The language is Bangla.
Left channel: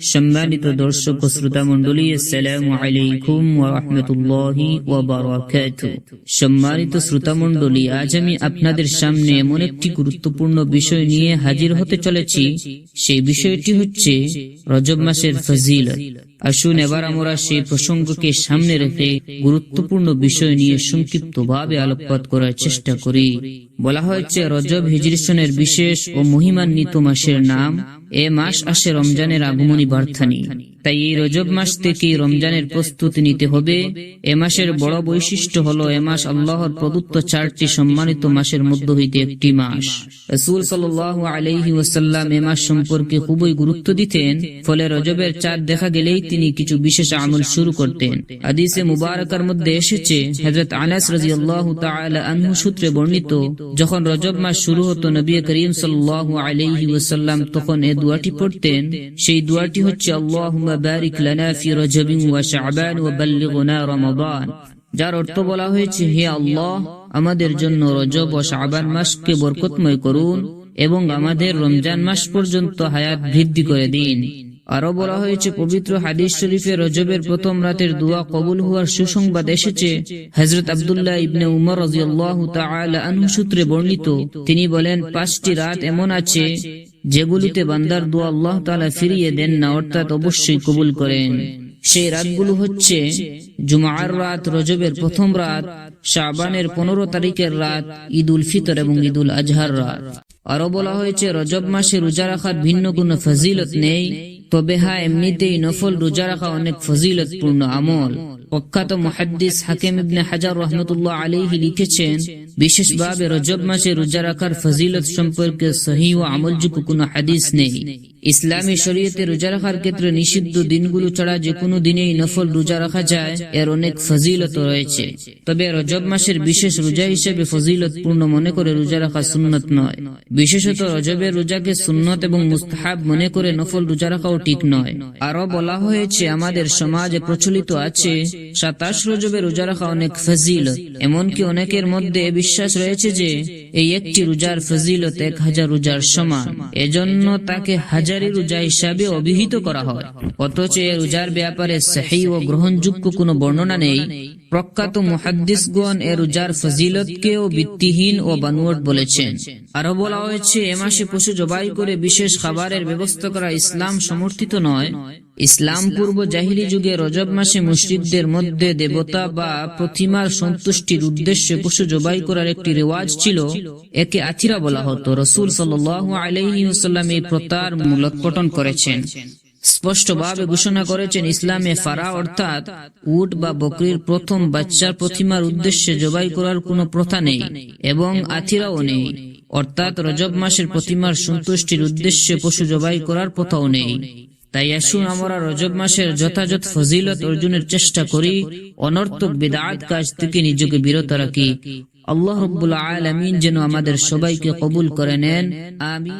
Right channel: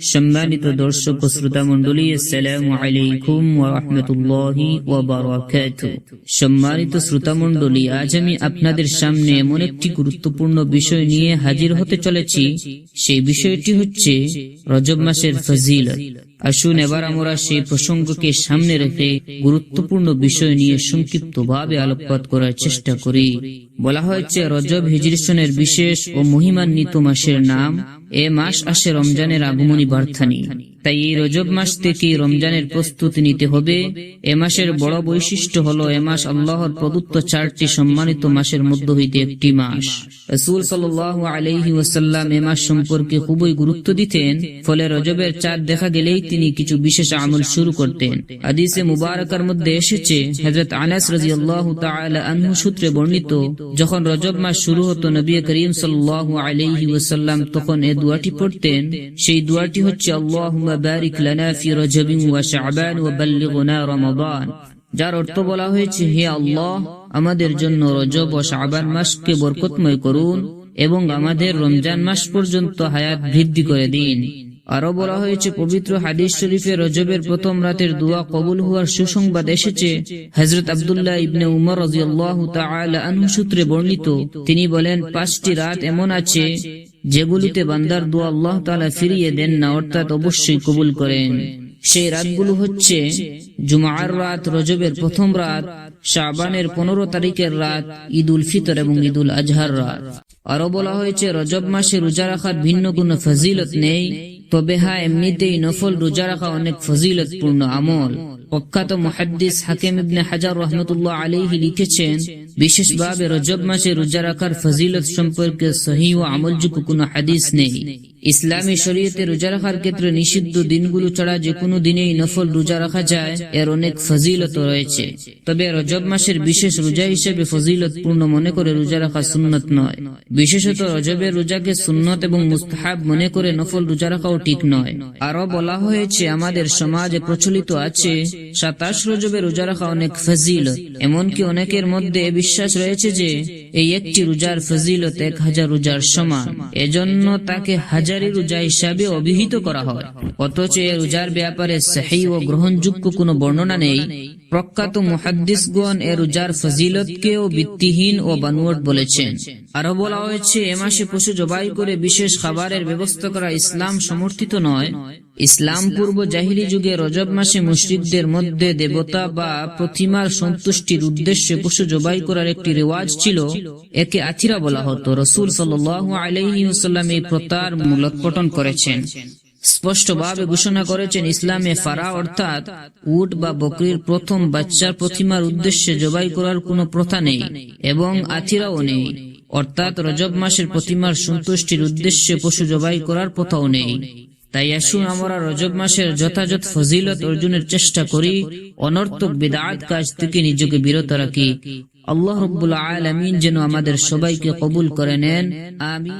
সম্মানিত দর্শক শ্রোতা মন্ডলী আসসালামু সম্মানিত শ্রোতা মন্ডলী আজ আমি আপনাদের সামনে এমন একটি গুরুত্বপূর্ণ বিষয় নিয়ে হাজির হতে চলেছি। সেই বিষয়টি হচ্ছে রজব মাসের ফজিলত। আসুন এবার আমরা সেই প্রসঙ্গকে সামনে রেখে গুরুত্বপূর্ণ বিষয় নিয়ে সংক্ষিপ্তভাবে আলোকপাত করার চেষ্টা করি। বলা হয়েছে, রজব হিজরিসনের বিশেষ ও মহিমান্বিত মাসের নাম এ মাস আসে রমজানের আগমনী বার্তা নিয়ে তাই এই রজব মাস থেকে রমজানের প্রস্তুতি নিতে হবে? এ মাসের বড় বৈশিষ্ট্য হলো এ মাস আল্লাহর প্রদত্ত চারটি সম্মানিত মাসের মধ্য হইতে একটি মাস। রসুল সাল্লাহ আলহি ওসাল্লাম এ মাস সম্পর্কে খুবই গুরুত্ব দিতেন, ফলে রজবের চাঁদ দেখা গেলেই তিনি কিছু বিশেষ আমল শুরু করতেন। হাদিসে মুবারকার মধ্যে এসেছে হজরত আনাস রাজি আল্লাহ আনহু সূত্রে বর্ণিত, যখন রজব মাস শুরু হতো নবী করিম সাল্লাহ আলহি ওসাল্লাম তখন এ দোয়াটি পড়তেন, সেই দোয়াটি হচ্ছে আল্লাহ বারিক লানা ফি রজবিন ওয়া শাবান ওয়া বাল্লিগনা রমাদান যার অর্থ বলা হয়েছে, হে আল্লাহ, আমাদের জন্য রজব ও শাবান মাসকে বরকতময় করুন এবং আমাদের রমজান মাস পর্যন্ত হায়াত বৃদ্ধি করে দিন। আরও বলা হয়েছে, পবিত্র হাদিস শরীফে রজবের প্রথম রাতের দোয়া কবুল হওয়ার সুসংবাদ এসেছে। হজরত আবদুল্লাহ ইবনে উমর রাজিয়াল্লাহু তাআলা আনহু সূত্রে বর্ণিত, তিনি বলেন, পাঁচটি রাত এমন আছে যেগুলিতে বান্দার দোয়া আল্লাহ তাআলা ফিরিয়ে দেন না, অর্থাৎ অবশ্যই কবুল করেন। সেই রাতগুলো হচ্ছে জুমার রাত, রজবের প্রথম রাত, শাবানের পনেরো তারিখের রাত ঈদ উল ফিতর এবং ঈদ উল আজহার রাত। আরও বলা হয়েছে, রজব মাসে রোজা রাখার ভিন্ন কোনো ফজিলত নেই। তবে হ্যাঁ এমনিতেই নফল রোজা রাখা অনেক ফজিলতপূর্ণ আমল। প্রখ্যাত মহাদ্দিস হাকিম ইবনে হাজার রহমতুল্লাহ আলীহি লিখেছেন বিশেষভাবে রজব মাসে রোজা রাখার ফজিলত সম্পর্কে সহি ও আমলযোগ্য কোনো হাদিস নেই। ইসলামী শরীয়তে রোজা রাখার ক্ষেত্রে নিষিদ্ধ দিনগুলো ছাড়া যে কোনো দিনেই নফল রোজা রাখা যায়, এর অনেক ফজিলত রয়েছে। তবে রজব মাসের বিশেষ রোজা হিসেবে ফজিলত পূর্ণ মনে করে রোজা রাখা সুন্নত নয়। বিশেষত রজবের রোজাকে সুন্নত এবং মুস্তাহাব মনে করে নফল রোজা রাখাও ঠিক নয়। আরও বলা হয়েছে, আমাদের সমাজে প্রচলিত আছে, সাতাশ রজবে রোজা রাখা অনেক ফজিলত, এমনকি অনেকের মধ্যে বিশ্বাস রয়েছে যে এই একটি রোজার ফজিলত এক হাজার রোজার সমান। এজন্য তাকে হাজারি রোজা হিসাবে অভিহিত করা হয়। অথচ এ রোজার ব্যাপারে সাহি ও গ্রহণযোগ্য কোনো বর্ণনা নেই। প্রখ্যাত মুহাদ্দিসগণ এ রোজার ফজিলতকেও ভিত্তিহীন ও বানুয়াট বলেছেন। আরও বলা হয়েছে, এ মাসে পশু জবাই করে বিশেষ খাবারের ব্যবস্থা করা ইসলাম সমর্থিত নয়। ইসলাম পূর্ব জাহিলি যুগে রজব মাসে মুসলিকদের মধ্যে দেবতা বা প্রতিমার সন্তুষ্টির উদ্দেশ্যে পশু জবাই করার একটি রেওয়াজ ছিল। একে আচিরা বলা হতো। রসুল সাল্লাহ আলাইসাল্লাম এই প্রতার মূলোৎপটন করেছেন। স্পষ্টভাবে ঘোষণা করেছেন ইসলামে ফারা, অর্থাৎ উট বা বকরির প্রথম বাচ্চার প্রতিমার উদ্দেশ্যে জবাই করার কোনো প্রথা নেই এবং আথিরাও নেই। অর্থাৎ রজব মাসের প্রতিমার সন্তুষ্টির উদ্দেশ্যে পশু জবাই করার প্রথাও নেই। তাই আসুন আমরা রজব মাসের যথাযথ ফজিলত অর্জনের চেষ্টা করি, অনর্থক বিদাত কাজ থেকে নিজেকে বিরত রাখি। আল্লাহ রব্বুল আলমিন যেন আমাদের সবাইকে কবুল করে নেন। আমি